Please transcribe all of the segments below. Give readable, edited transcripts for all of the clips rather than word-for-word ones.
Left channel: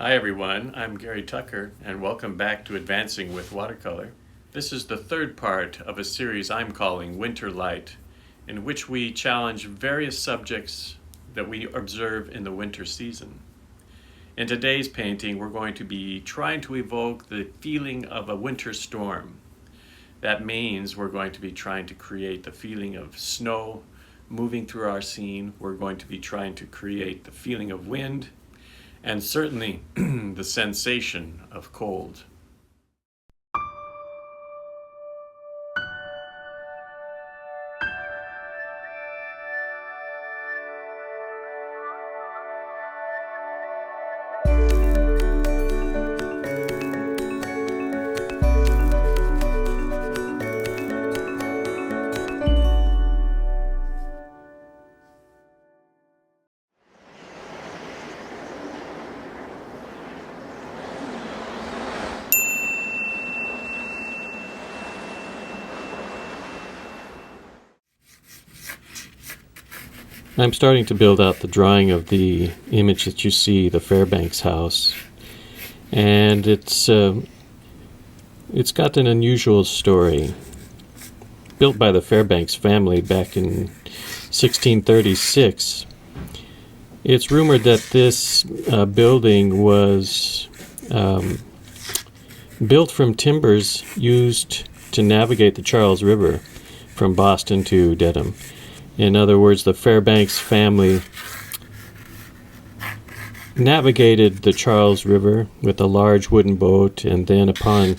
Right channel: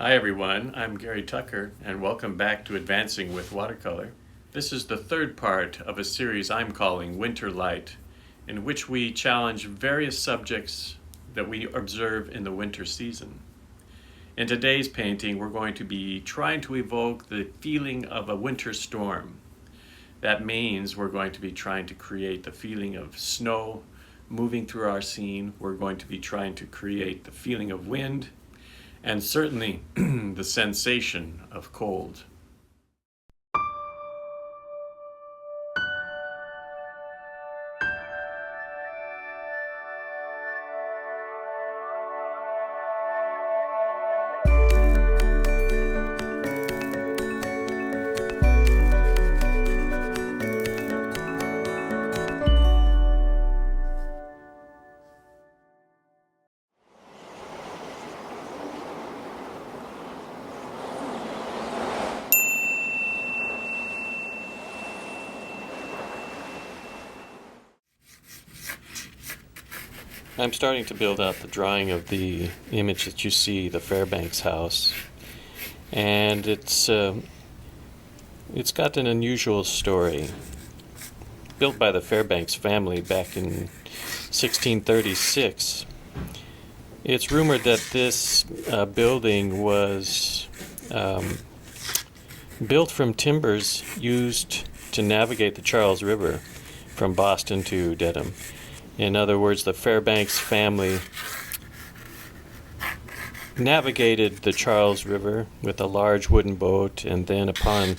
Hi everyone, I'm Gary Tucker and welcome back to Advancing with Watercolor. This is the third part of a series I'm calling Winter Light, in which we challenge various subjects that we observe in the winter season. In today's painting, we're going to be trying to evoke the feeling of a winter storm. That means we're going to be trying to create the feeling of snow moving through our scene. We're going to be trying to create the feeling of wind and certainly the sensation of cold. I'm starting to build out the drawing of the image that you see, the Fairbanks House, and it's got an unusual story. Built by the Fairbanks family back in 1636, it's rumored that this building was built from timbers used to navigate the Charles River from Boston to Dedham. In other words, the Fairbanks family navigated the Charles River with a large wooden boat, and then upon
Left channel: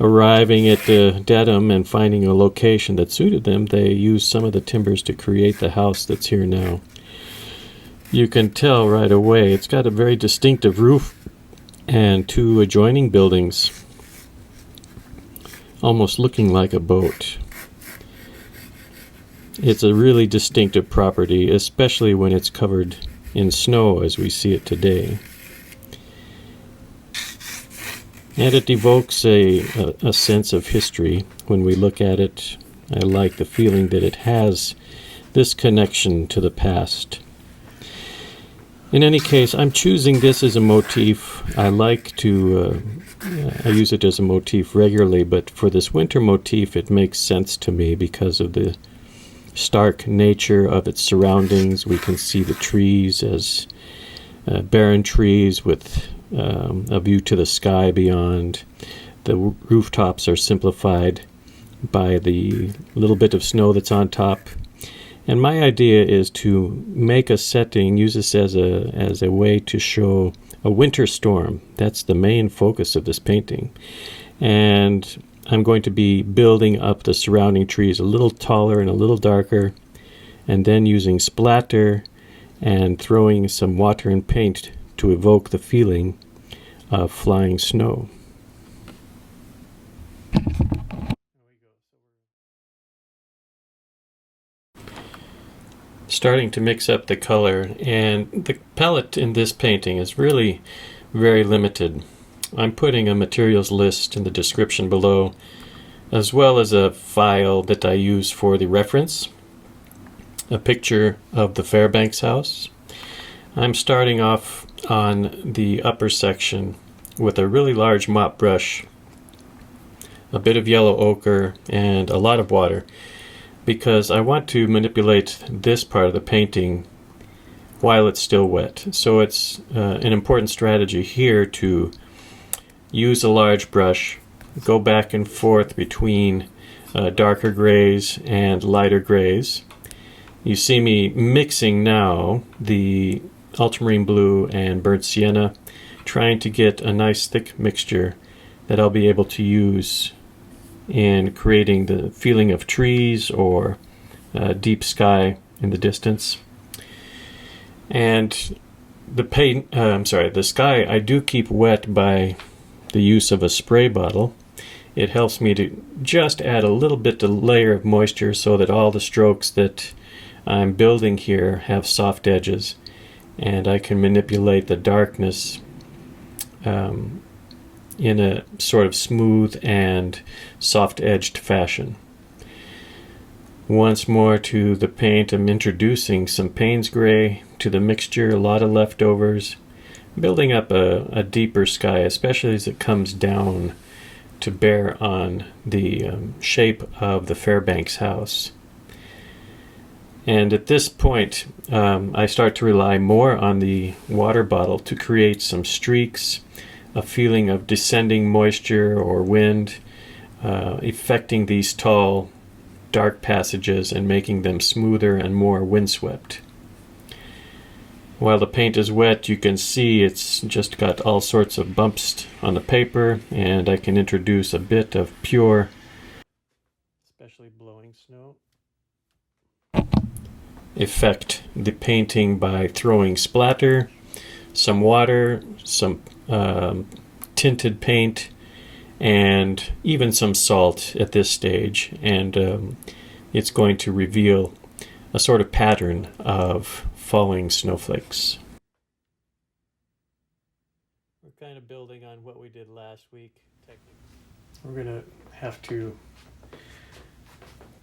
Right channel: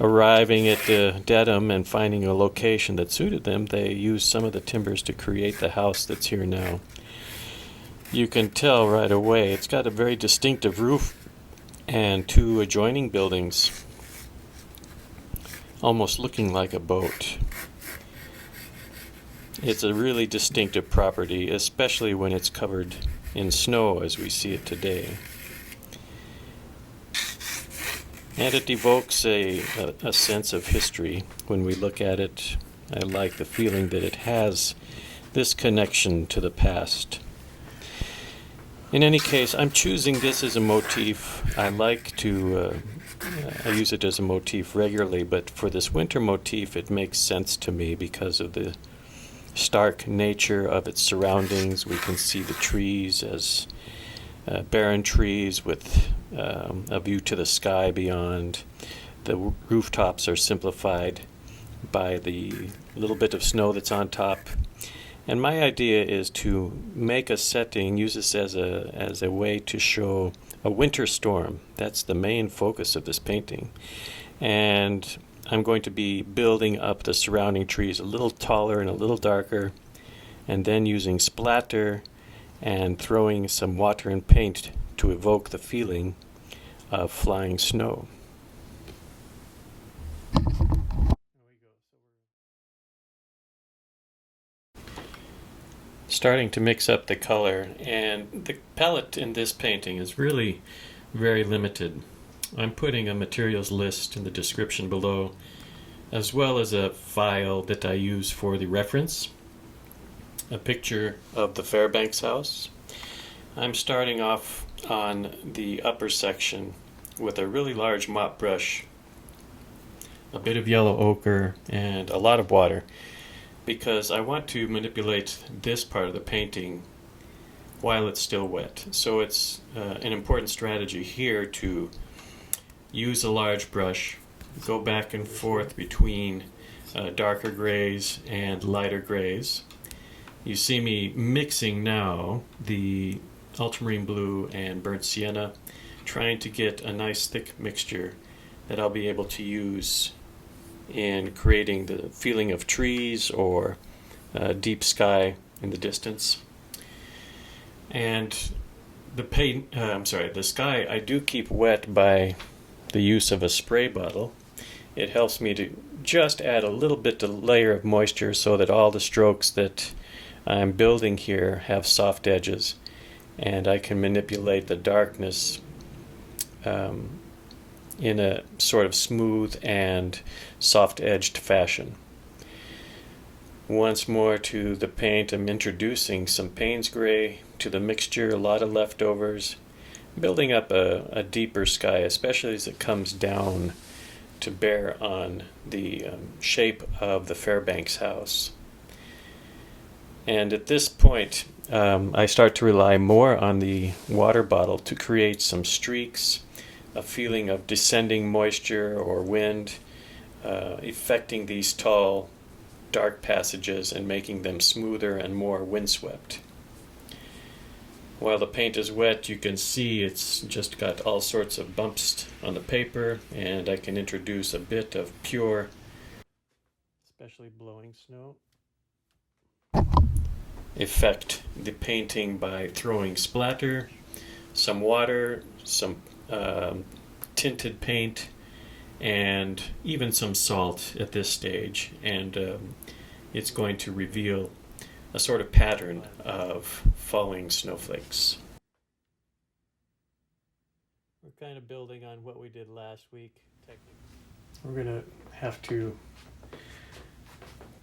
arriving at Dedham and finding a location that suited them, they used some of the timbers to create the house that's here now. You can tell right away it's got a very distinctive roof and two adjoining buildings, almost looking like a boat. It's a really distinctive property, especially when it's covered in snow as we see it today. And it evokes a sense of history when we look at it. I like the feeling that it has this connection to the past. In any case, I'm choosing this as a motif. I use it as a motif regularly, but for this winter motif it makes sense to me because of the stark nature of its surroundings. We can see the trees as barren trees with a view to the sky beyond. The rooftops are simplified by the little bit of snow that's on top. And my idea is to make a setting, use this as a way to show a winter storm. That's the main focus of this painting. And I'm going to be building up the surrounding trees a little taller and a little darker, and then using splatter and throwing some water and paint to evoke the feeling of flying snow. Starting to mix up the color, and the palette in this painting is really very limited. I'm putting a materials list in the description below, as well as a file that I use for the reference, a picture of the Fairbanks house. I'm starting off on the upper section with a really large mop brush, a bit of yellow ochre, and a lot of water, because I want to manipulate this part of the painting while it's still wet. So it's an important strategy here to use a large brush, go back and forth between darker grays and lighter grays. You see me mixing now the ultramarine blue and burnt sienna, trying to get a nice thick mixture that I'll be able to use in creating the feeling of trees or deep sky in the distance. And the sky I do keep wet by the use of a spray bottle. It helps me to just add a little bit of layer of moisture so that all the strokes that I'm building here have soft edges, and I can manipulate the darkness in a sort of smooth and soft-edged fashion. Once more to the paint, I'm introducing some Payne's gray to the mixture, a lot of leftovers, building up a deeper sky, especially as it comes down to bear on the shape of the Fairbanks House. And at this point, I start to rely more on the water bottle to create some streaks, a feeling of descending moisture or wind, affecting these tall, dark passages and making them smoother and more windswept. While the paint is wet, you can see it's just got all sorts of bumps on the paper, and I can introduce a bit of pure, especially blowing snow, effect the painting by throwing splatter, some water, some tinted paint, and even some salt at this stage, and it's going to reveal a sort of pattern of falling snowflakes. We're kind of building on what we did last week. We're going to have to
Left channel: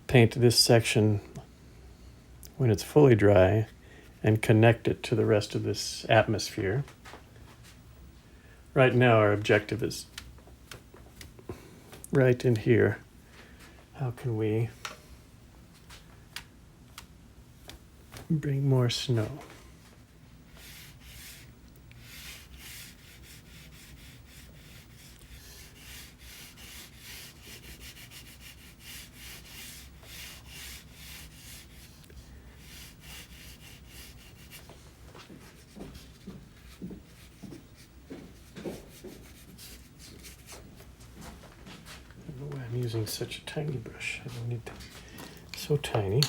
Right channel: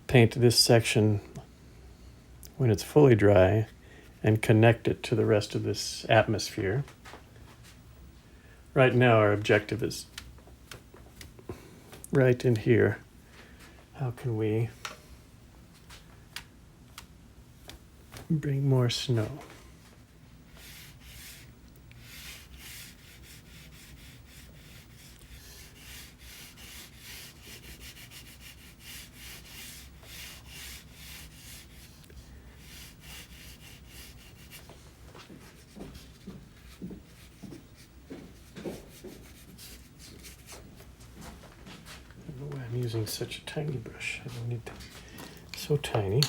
paint this section when it's fully dry and connect it to the rest of this atmosphere. Right now our objective is right in here. How can we bring more snow? I don't know why I'm using such a tiny brush. I don't need to. So tiny.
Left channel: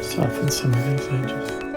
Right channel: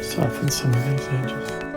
Soften some of these edges.